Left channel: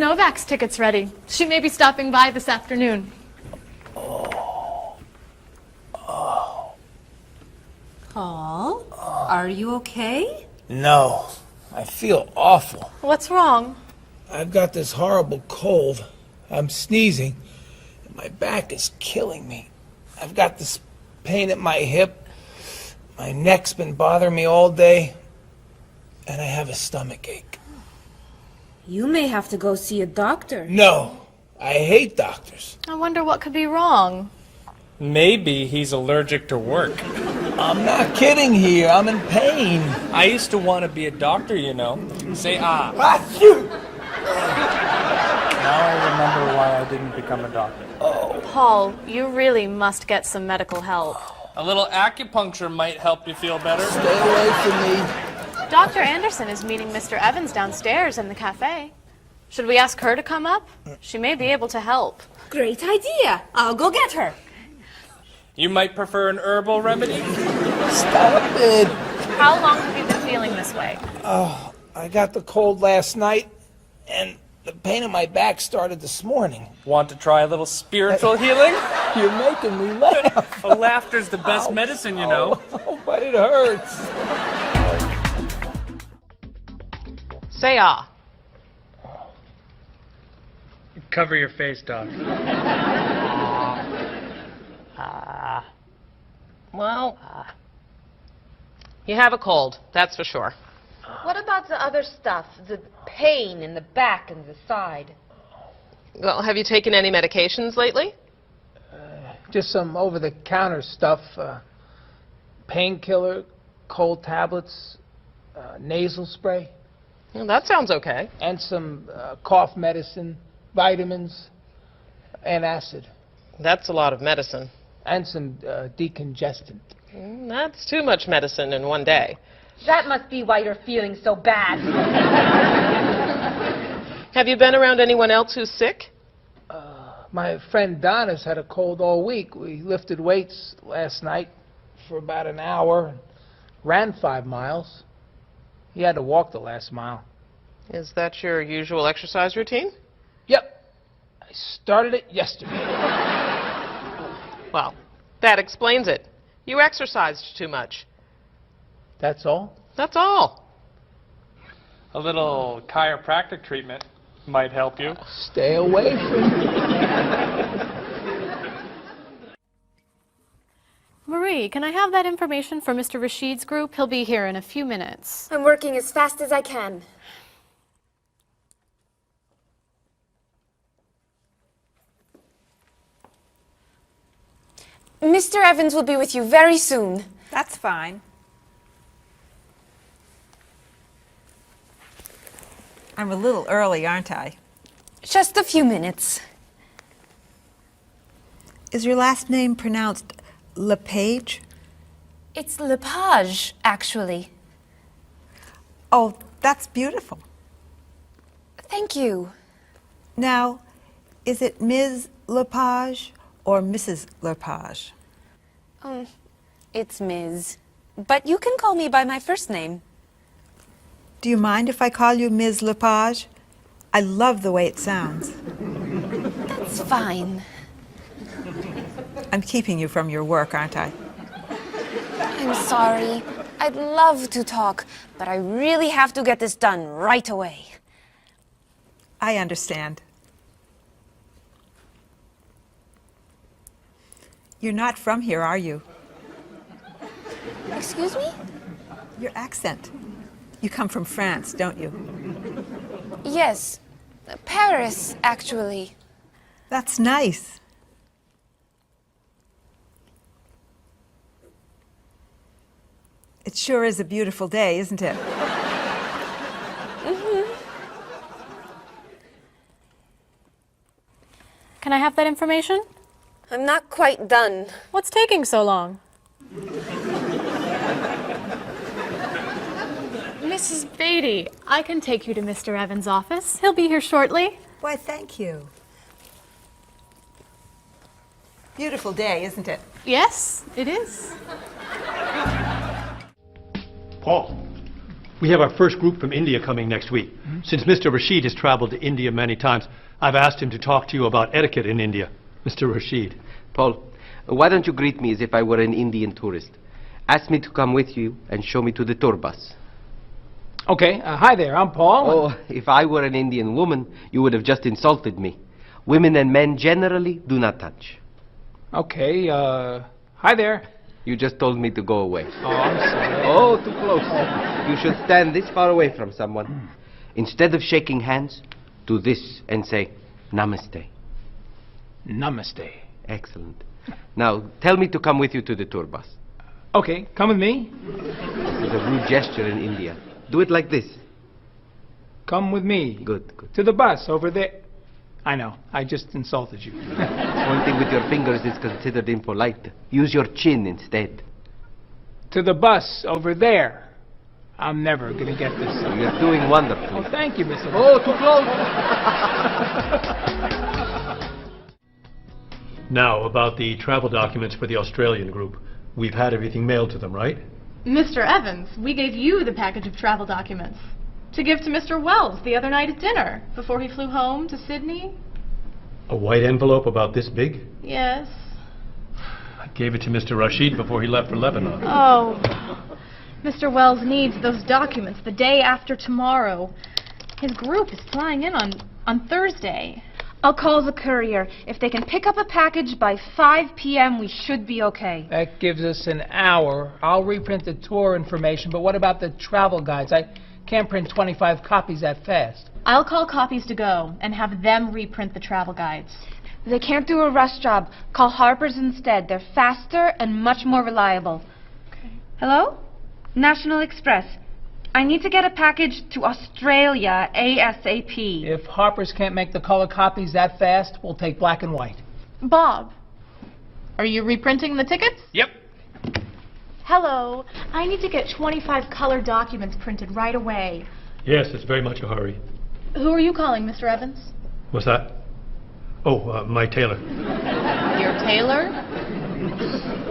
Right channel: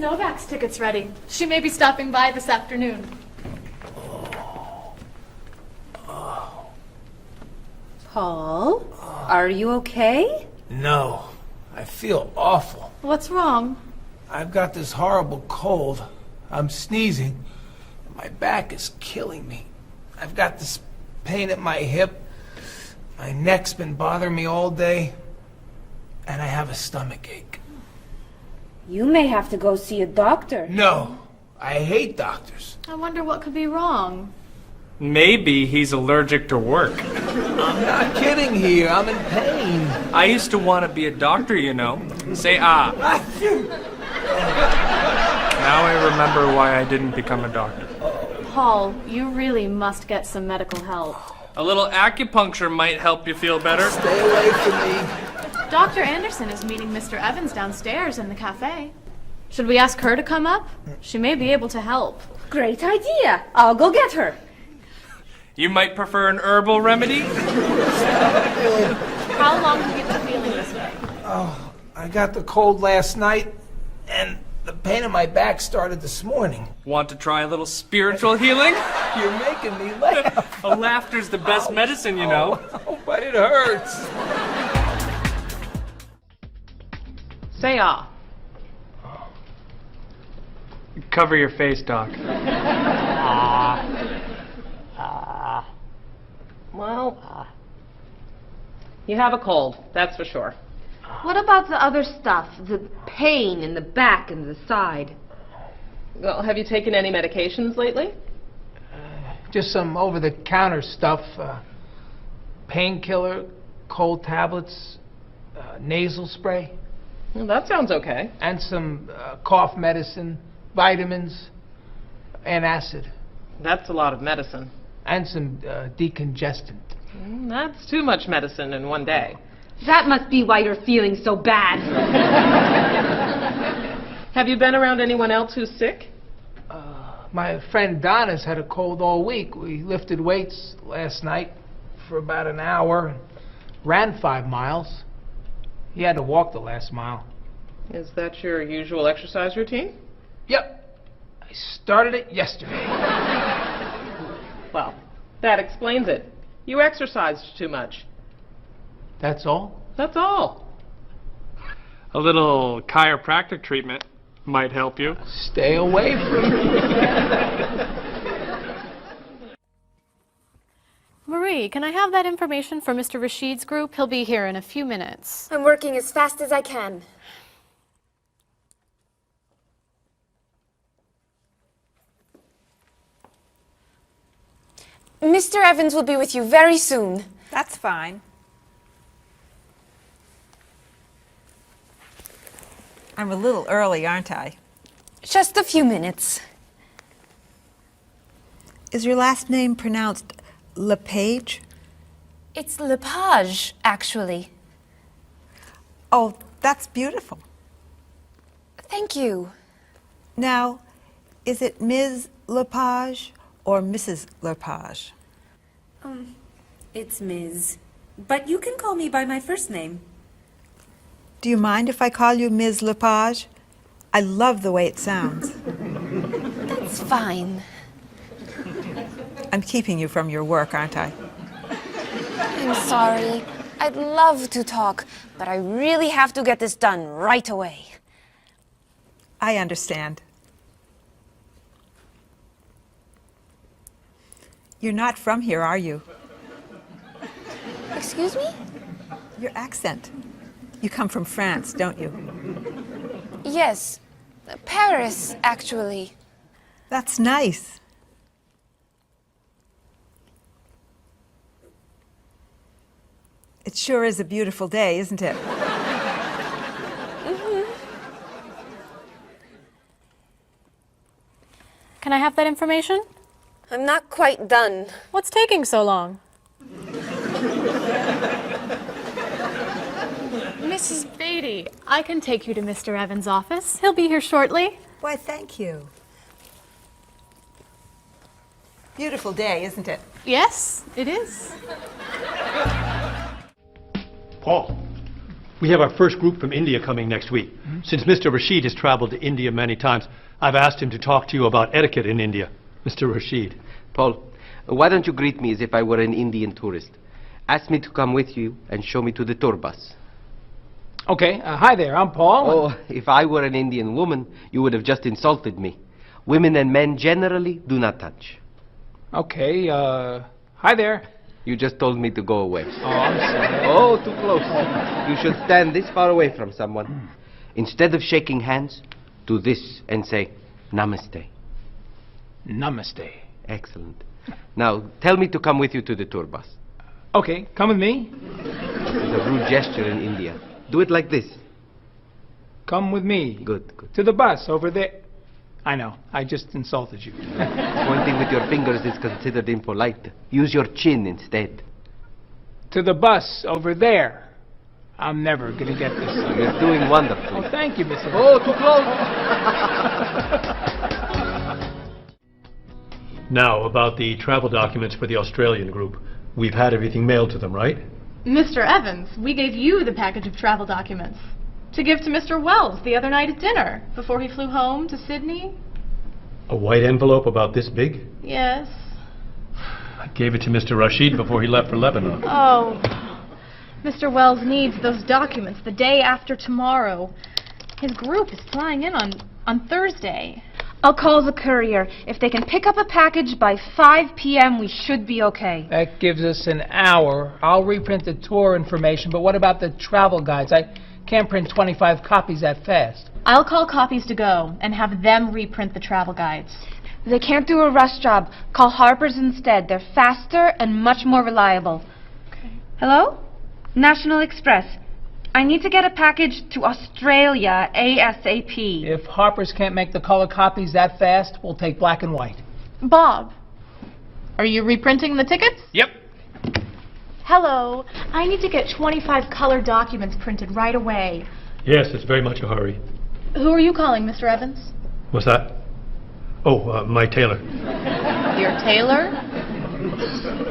Novak's tickets ready. She may be stopping by this afternoon. Paul, are you okay? No, I feel awful. What's wrong? I've got this horrible cold. I'm sneezing. And my back is killing me. I've got this pain at my hip. My neck's been bothering me all day. And I have a stomach ache. You may have to go see a doctor. No, I hate doctors. I wonder what could be wrong. Maybe he's allergic to work. I'm not kidding here. I'm in pain. I used to want to be a doctor, you know. Say ah. Fuck you. Now I remember why I didn't become a doctor. Paul, you really must get some medical help. A little acupuncture might help you feel better. Stay away from me. Dr. Anderson is meeting Mr. Evans downstairs in the cafe. Should we ask her to come up? She may be able to help. Great idea. I'll go get her. You might prefer an herbal remedy? Stop it. How long have you been feeling this way? Oh, I got the cold last night, and the pain in my back started this morning. Want to try a little spiritual healing? You're making me laugh. Laughter's the best medicine, you know. Oh, but it hurts. Say ah. Cover your face, Doc. Well, you have a cold, that's for sure. What about the other stuff? The pain in the back and the side? Well, have you taken any medications lately? Just some over-the-counter stuff. Painkiller, cold tablets, nasal spray, Well, that sounds okay. and some cough medicine, vitamins, and acid, That's a lot of medicine. and some decongestant. That's too much medicine in one day. That must be why you're feeling so bad. Have you been around anyone else who's sick? My friend Donna's had a cold all week. We lifted weights last night for about an hour, ran 5 miles. He had to walk the last mile. Is that your usual exercise routine? Yep, I started it yesterday. Well, that explains it. You exercised too much. That's all? That's all. A little chiropractic treatment might help you. Stay away from me. Marie, can I have that information for Mr. Rashid's group? He'll be here in a few minutes. I'm working as fast as I can. Mr. Evans will be with you very soon. That's fine. I'm a little early, aren't I? Just a few minutes. Is your last name pronounced LePage? It's Lepage, actually. Oh, that's beautiful. Thank you. Now, is it Ms. Lepage or Mrs. Lepage? It's Ms. But you can call me by my first name. Do you mind if I call you Ms. Lepage? I love the way it sounds. That's fine. I'm keeping you from your work, aren't I? I'm sorry. I'd love to talk, but I really have to get this done right away. I understand. You're not from here, are you? Excuse me? Your accent. You come from France, don't you? Yes. Paris, actually. That's nice. It sure is a beautiful day, isn't it? Can I have that information? I'm not quite done. What's taking so long? Mrs. Beatty, I can take you to Mr. Evans' office. He'll be here shortly. Why, thank you. Beautiful day, isn't it? Yes, it is. Paul, We have our first group from India coming next week. Since Mr. Rashid has traveled to India many times, I've asked him to talk to you about etiquette in India. Mr. Rashid. Paul, why don't you greet me as if I were an Indian tourist? Ask me to come with you and show me to the tour bus. Okay, hi there, I'm Paul. Oh, if I were an Indian woman, you would have just insulted me. Women and men generally do not touch. Okay, hi there. You just told me to go away. Oh, I'm sorry. Oh, too close. You should stand this far away from someone. Instead of shaking hands, do this and say, Namaste. Namaste. Excellent. Now, tell me to come with you to the tour bus. Okay, come with me. This is a rude gesture in India. Do it like this. Come with me. Good, good. To the bus over there. I know, I just insulted you. Pointing with your fingers is considered impolite. Use your chin instead. To the bus over there. I'm never gonna get this. You're doing wonderfully. Oh, thank you, Mr. Oh, too close. Now, about the travel documents for the Australian group. We've had everything mailed to them, right? Mr. Evans, we gave you the package of travel documents to give to Mr. Wells the other night at dinner before he flew home to Sydney. A white envelope about this big? Yes. I gave it to Mr. Rashid before he left for Lebanon. Oh, Mr. Wells needs those documents the day after tomorrow. His group is flying in on Thursday. I'll call the courier. If they can pick up a package by 5 p.m., we should be okay. That gives us an hour. I'll reprint the tour information, but what about the travel guides? I can't print 25 copies that fast. I'll call Copies to Go and have them reprint the travel guides. They can't do a rush job. Call Harper's instead. They're faster and much more reliable. Okay. Hello? National Express. I need to get a package to Australia ASAP. If Harper's can't make the color copies that fast, we'll take black and white. Bob, are you reprinting the tickets? Yep. Hello. I need to get 25 color documents printed right away. Yes, it's very much a hurry. Who are you calling, Mr. Evans? What's that? Oh, my tailor. Your tailor?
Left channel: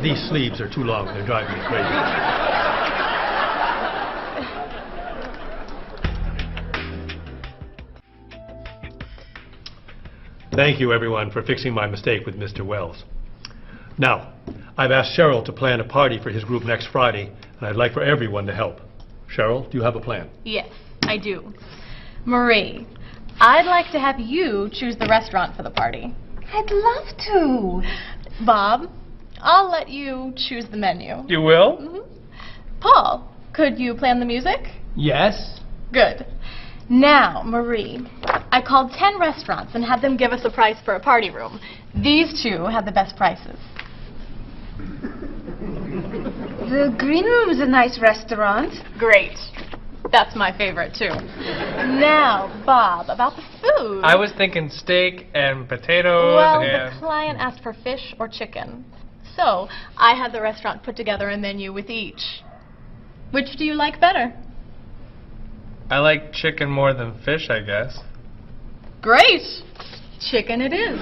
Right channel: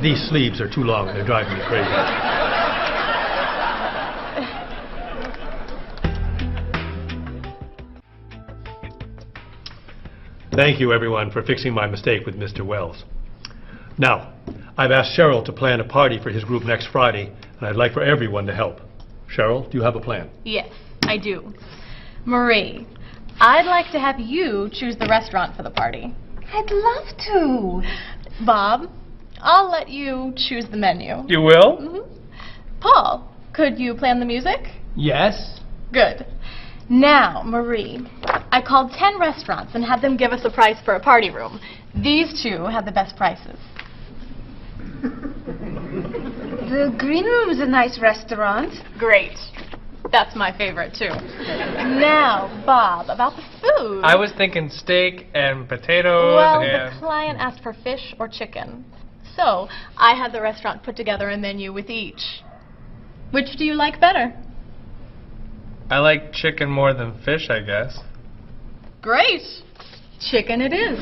These sleeves are too long. They're driving me crazy. Thank you, everyone, for fixing my mistake with Mr. Wells. Now, I've asked Cheryl to plan a party for his group next Friday, and I'd like for everyone to help. Cheryl, do you have a plan? Yes, I do. Marie, I'd like to have you choose the restaurant for the party. I'd love to. Bob, I'll let you choose the menu. You will? Mm-hmm. Paul, could you plan the music? Yes? Good. Now, Marie, I called 10 restaurants and had them give us a price for a party room. These two had the best prices. The Green Room's a nice restaurant. Great. That's my favorite, too. Now, Bob, about the food. I was thinking steak and potatoes Well, and... the client asked for fish or chicken. So, I had the restaurant put together a menu with each. Which do you like better? I like chicken more than fish, I guess. Great. Chicken it is.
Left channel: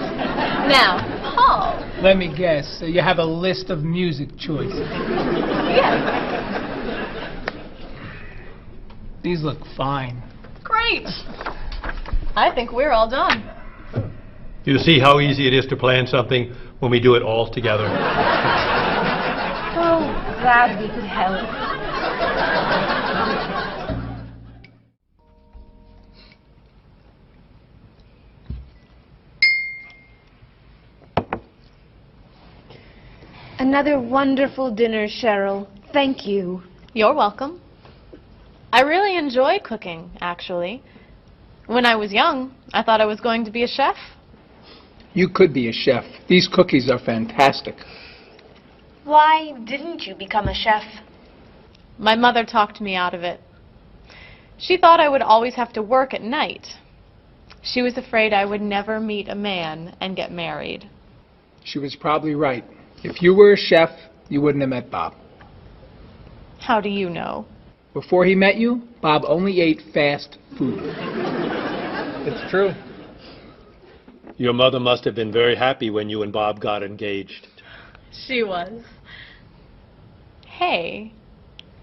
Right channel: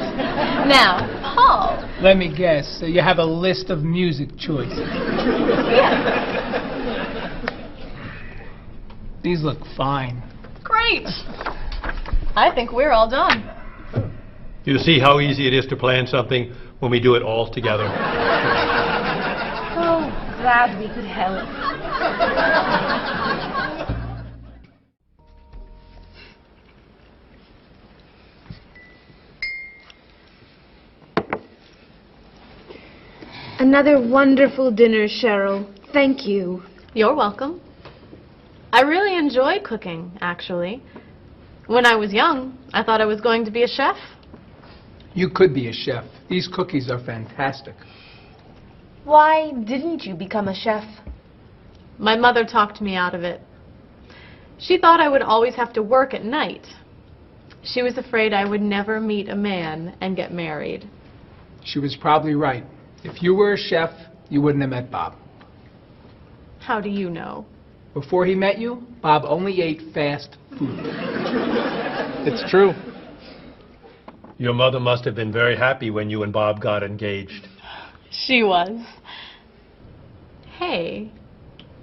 Now, Paul. Let me guess. You have a list of music choices. Yes. These look fine. Great. I think we're all done. You see how easy it is to plan something when we do it all together? So glad we could help. Another wonderful dinner, Cheryl. Thank you. You're welcome. I really enjoy cooking, actually. When I was young, I thought I was going to be a chef. You could be a chef. These cookies are fantastic. Why didn't you become a chef? My mother talked me out of it. She thought I would always have to work at night. She was afraid I would never meet a man and get married. She was probably right. If you were a chef, you wouldn't have met Bob. How do you know? Before he met you, Bob only ate fast food. It's true. Your mother must have been very happy when you and Bob got engaged. She was. Hey,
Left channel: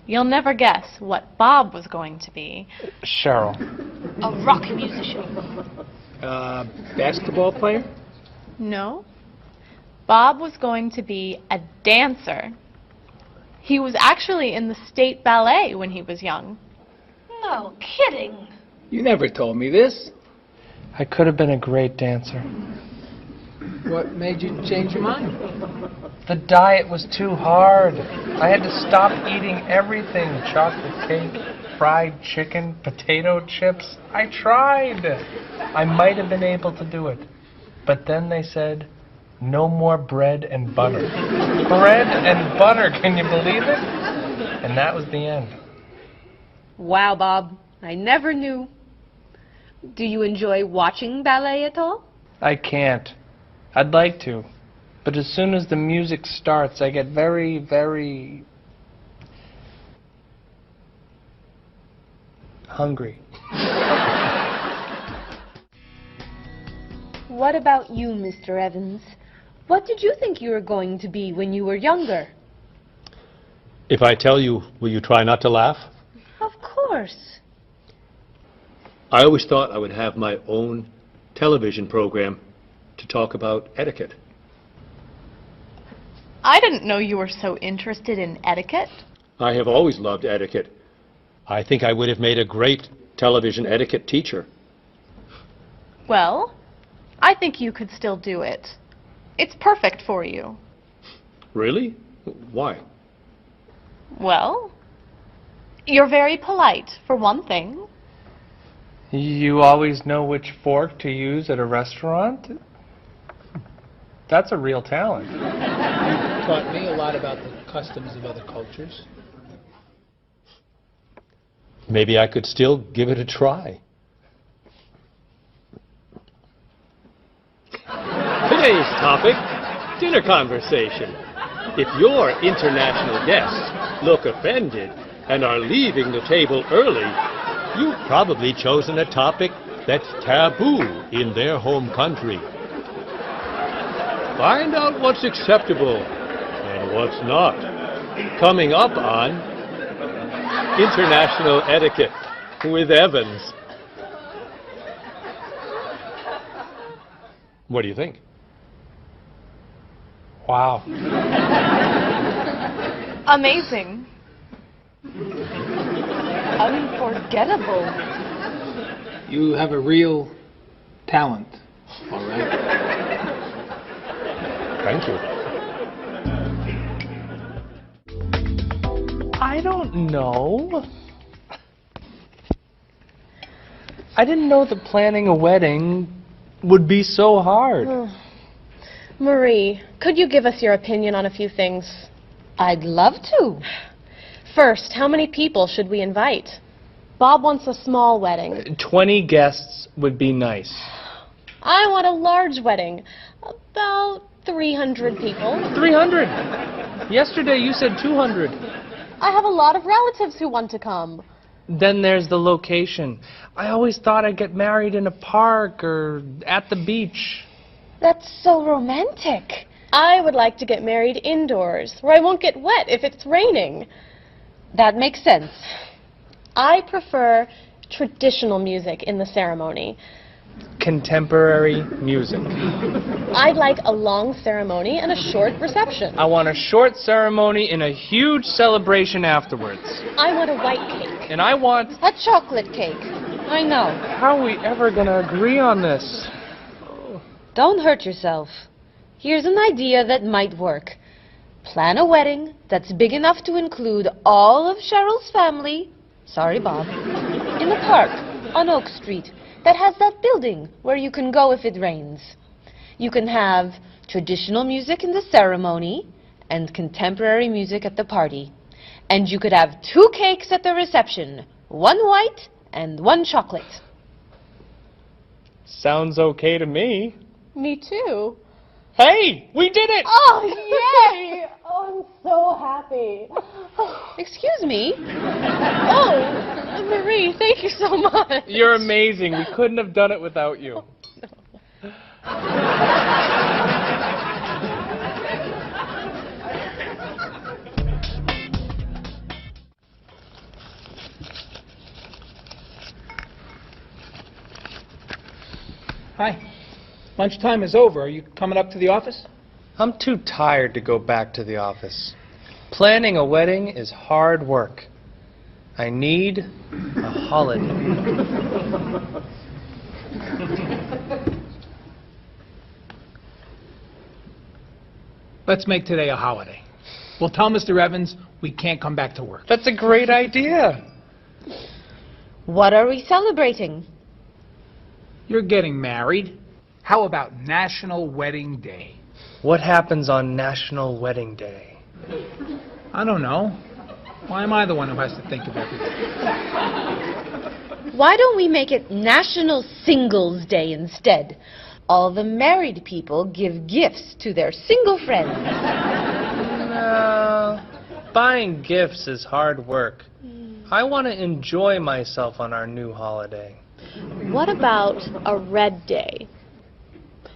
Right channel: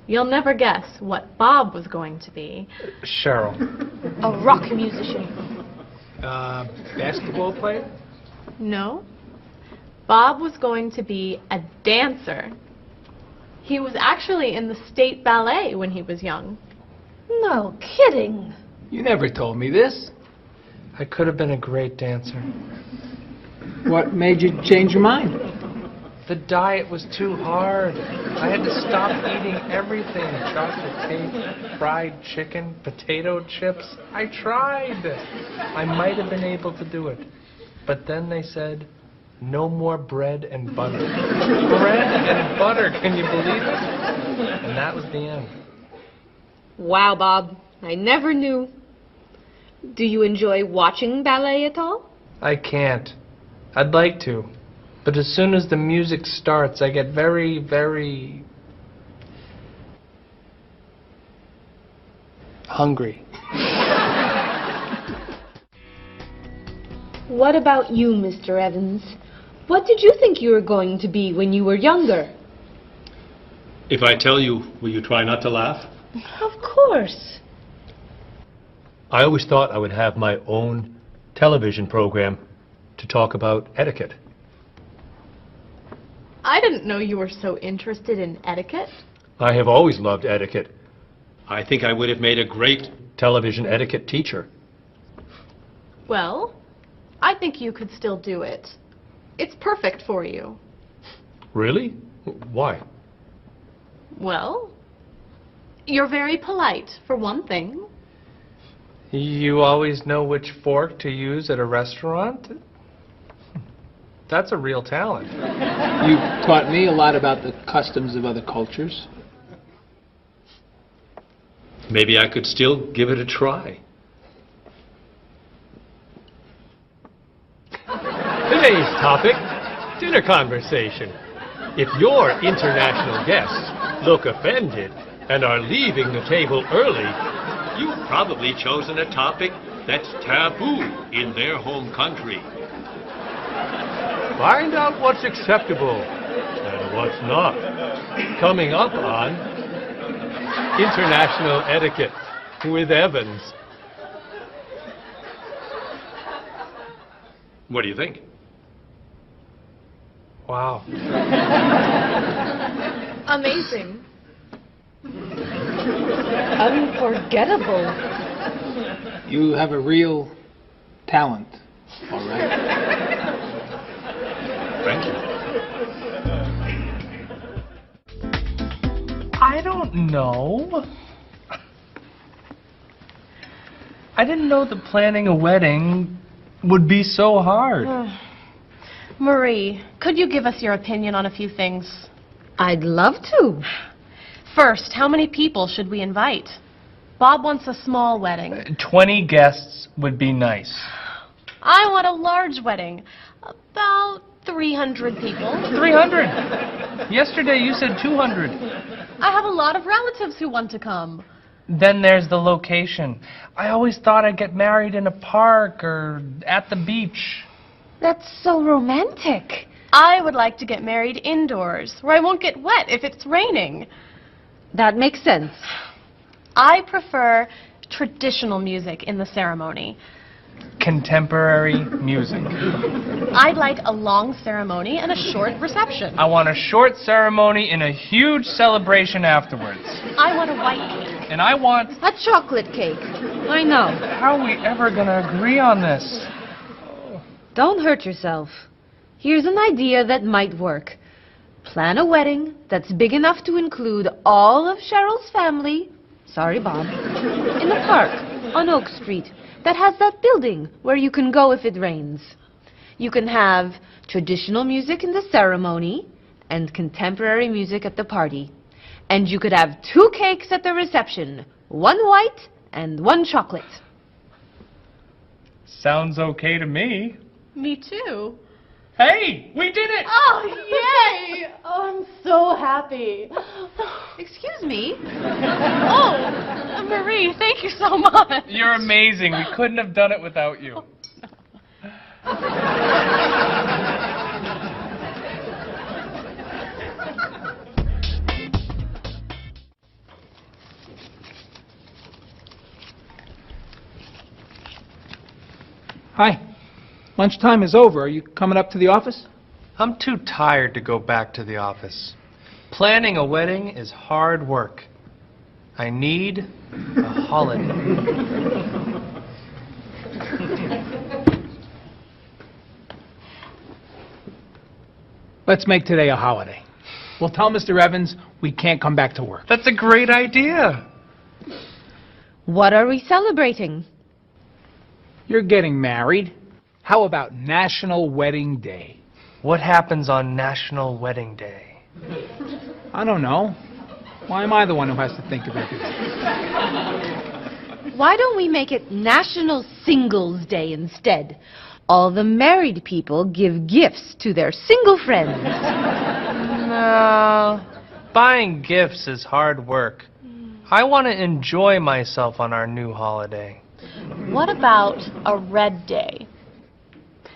You'll never guess what Bob was going to be. Cheryl. A rock musician. Basketball player? No. Bob was going to be a dancer. He was actually in the state ballet when he was young. No kidding. You never told me this. I could have been a great dancer. What made you change your mind? The diet was too hard. I had to stop eating everything. Chocolate cake, fried chicken, potato chips. I tried. I might have been able to do it. But then they said, no more bread and butter. Bread and butter, can you believe it? And that was the end. Wow, Bob. I never knew. Do you enjoy watching ballet at all? I can't. I'd like to. But as soon as the music starts, I get very, very hungry. What about you, Mr. Evans? What did you think you were going to be when you were younger? If I tell you, will you try not to laugh? Of course. I always thought I would have my own television program to talk about etiquette. I didn't know you were so interested in etiquette. I have always loved etiquette. I think I would have made a great television etiquette teacher. Well, I think you could still do it. It's perfect for you. Really? Why? Well, you're very polite, for one thing. You always know which fork to use at a restaurant? That's a real talent. You taught me a lot about the customs of other cultures. Maybe I could still give it a try. Today's topic, dinner conversation. If your international guests look offended and are leaving the table early, you've probably chosen a topic that's taboo in their home country. Find out what's acceptable and what's not. Coming up on International Etiquette with Evans. What do you think? Wow. Amazing. Unforgettable. You have a real talent, all right? Thank you. I don't know. I didn't know that planning a wedding would be so hard. Marie, could you give us your opinion on a few things? I'd love to. First, how many people should we invite? Bob wants a small wedding. 20 guests would be nice. I want a large wedding. About 300 people. 300? Yesterday you said 200. I have a lot of relatives who want to come. Then there's the location. I always thought I'd get married in a park or at the beach. That's so romantic. I would like to get married indoors, where I won't get wet if it's raining. That makes sense. I prefer traditional music in the ceremony. Contemporary music. I'd like a long ceremony and a short reception. I want a short ceremony and a huge celebration afterwards. I want a white cake. And I want... A chocolate cake. I know. How are we ever gonna agree on this? Don't hurt yourself. Here's an idea that might work. Plan a wedding that's big enough to include all of Cheryl's family, sorry Bob, in the park on Oak Street that has that building where you can go if it rains. You can have traditional music in the ceremony and contemporary music at the party. And you could have 2 cakes at the reception, 1 white and 1 chocolate. Sounds okay to me. Me too. Hey, we did it! Oh, yay! Oh, I'm so happy. Excuse me? Oh, Marie, thank you so much. You're amazing. We couldn't have done it without you. Hi. Lunchtime is over. Are you coming up to the office? I'm too tired to go back to the office. Planning a wedding is hard work. I need a holiday. Let's make today a holiday. We'll tell Mr. Evans we can't come back to work. That's a great idea. What are we celebrating? You're getting married. How about National Wedding Day? What happens on National Wedding Day? I don't know. Why am I the one who has to think of everything? Why don't we make it National Singles Day instead? All the married people give gifts to their single friends. No. Buying gifts is hard work. I want to enjoy myself on our new holiday. What about a red day?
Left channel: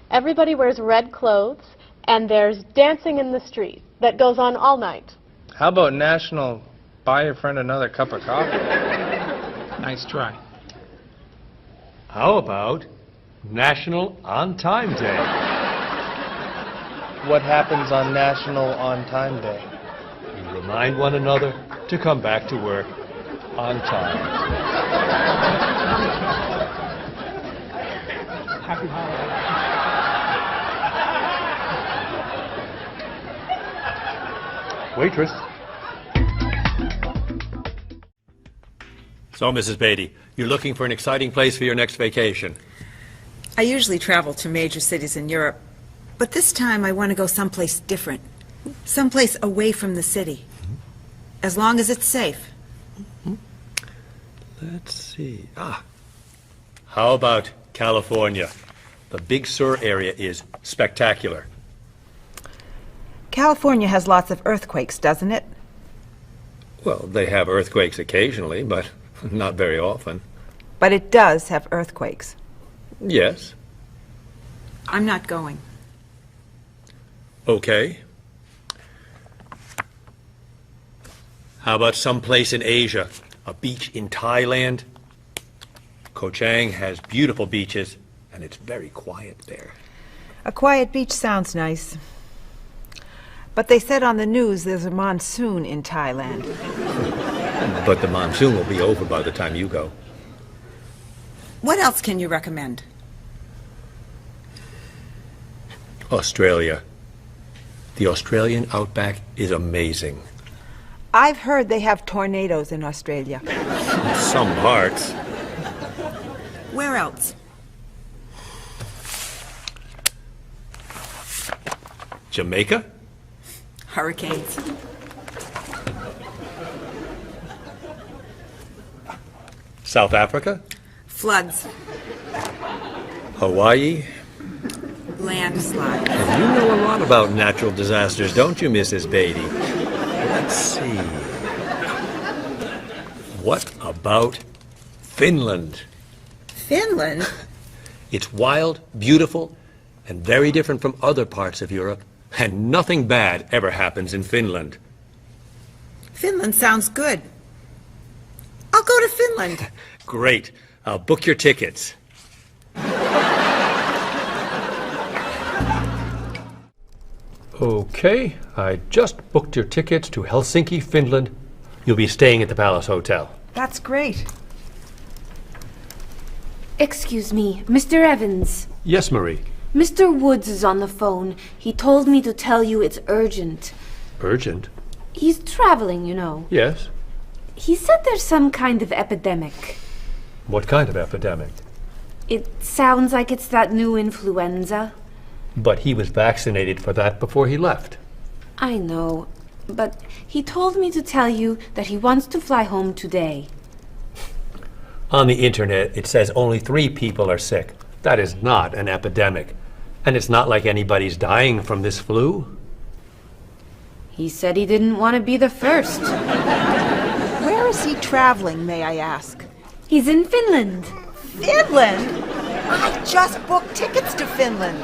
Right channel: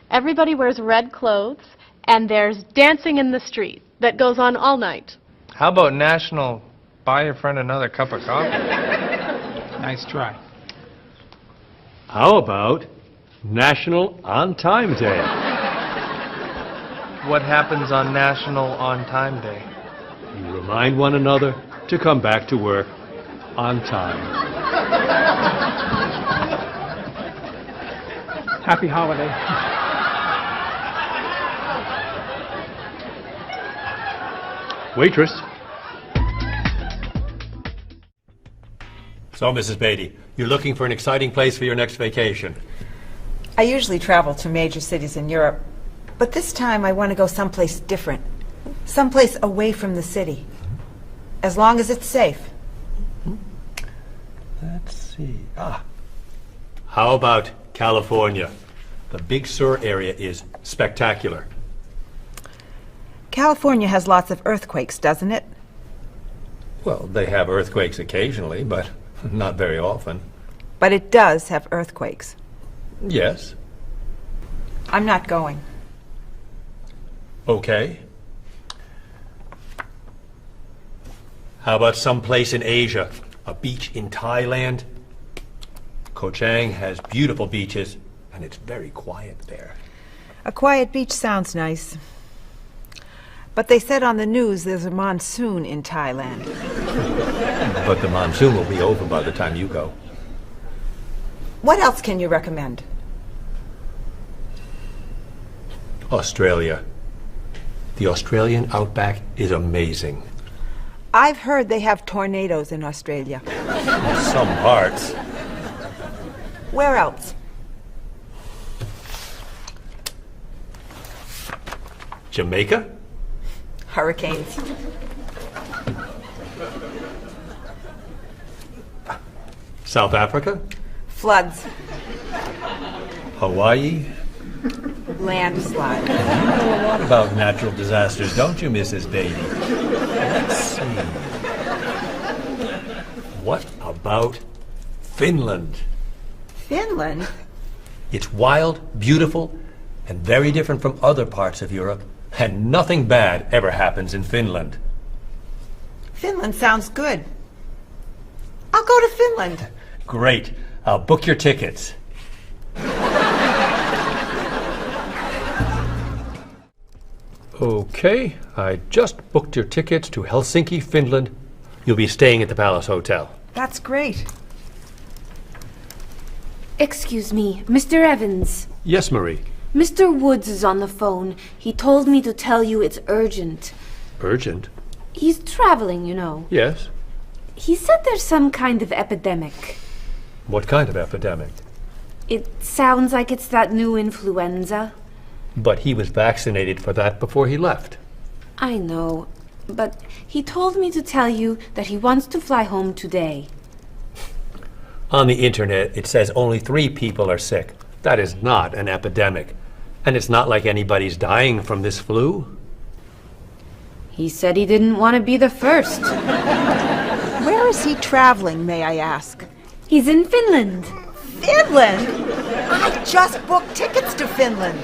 Everybody wears red clothes, and there's dancing in the street that goes on all night. How about National Buy Your Friend Another Cup of Coffee? Nice try. How about National On Time Day? What happens on National On Time Day? You remind one another to come back to work on time. Happy holiday. Waitress. So, Mrs. Beatty, you're looking for an exciting place for your next vacation. I usually travel to major cities in Europe, but this time I want to go someplace different. Someplace away from the city. As long as it's safe. Let's see. How about California? The Big Sur area is spectacular. California has lots of earthquakes, doesn't it? Well, they have earthquakes occasionally, but not very often. But it does have earthquakes. Yes. I'm not going. Okay. How about someplace in Asia? A beach in Thailand? Koh Chang has beautiful beaches, and it's very quiet there. A quiet beach sounds nice. But they said on the news there's a monsoon in Thailand. But the monsoon will be over by the time you go. What else can you recommend? Australia. The Australian outback is amazing. I've heard they have tornadoes in Australia. Some parts. Where else? Jamaica? Hurricanes. South Africa? Floods. Hawaii? Landslides. You know a lot about natural disasters, don't you, Mrs. Beatty? Let's see. What about Finland? Finland? It's wild, beautiful, and very different from other parts of Europe. And nothing bad ever happens in Finland. Finland sounds good. I'll go to Finland. Great. I'll book your tickets. Okay, I just booked your tickets to Helsinki, Finland. You'll be staying at the Palace Hotel. That's great. Excuse me, Mr. Evans. Yes, Marie. Mr. Woods is on the phone. He told me to tell you it's urgent. Urgent? He's traveling, you know. Yes. He said there's some kind of epidemic. What kind of epidemic? It sounds like it's that new influenza. But he was vaccinated for that before he left. I know, but he told me to tell you that he wants to fly home today. On the internet, it says only 3 people are sick. That is not an epidemic. And it's not like anybody's dying from this flu. He said he didn't want to be the first. Where is he traveling, may I ask? He's in Finland. Finland? I just booked tickets to Finland.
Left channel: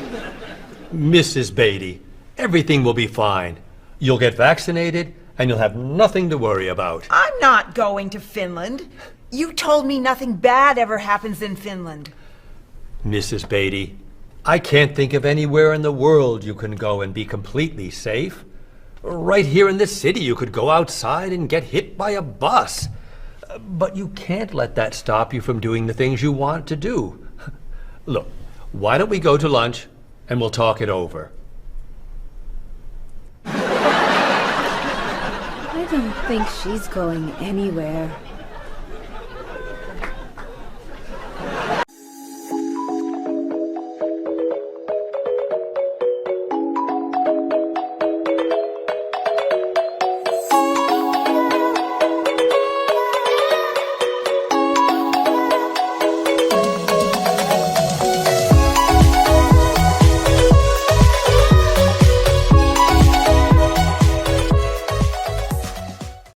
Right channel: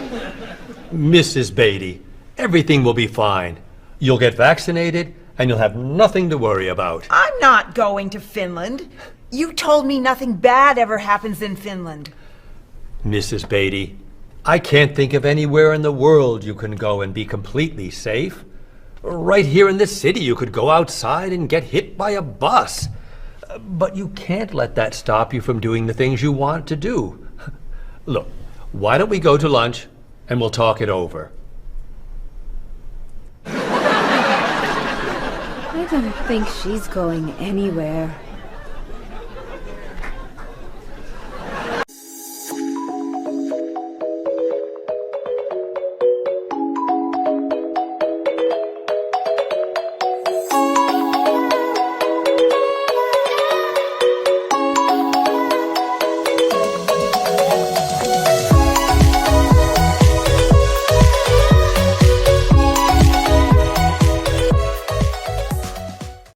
Mrs. Beatty, everything will be fine. You'll get vaccinated, and you'll have nothing to worry about. I'm not going to Finland. You told me nothing bad ever happens in Finland. Mrs. Beatty, I can't think of anywhere in the world you can go and be completely safe. Right here in this city, you could go outside and get hit by a bus. But you can't let that stop you from doing the things you want to do. Look, why don't we go to lunch and we'll talk it over? I don't think she's going anywhere.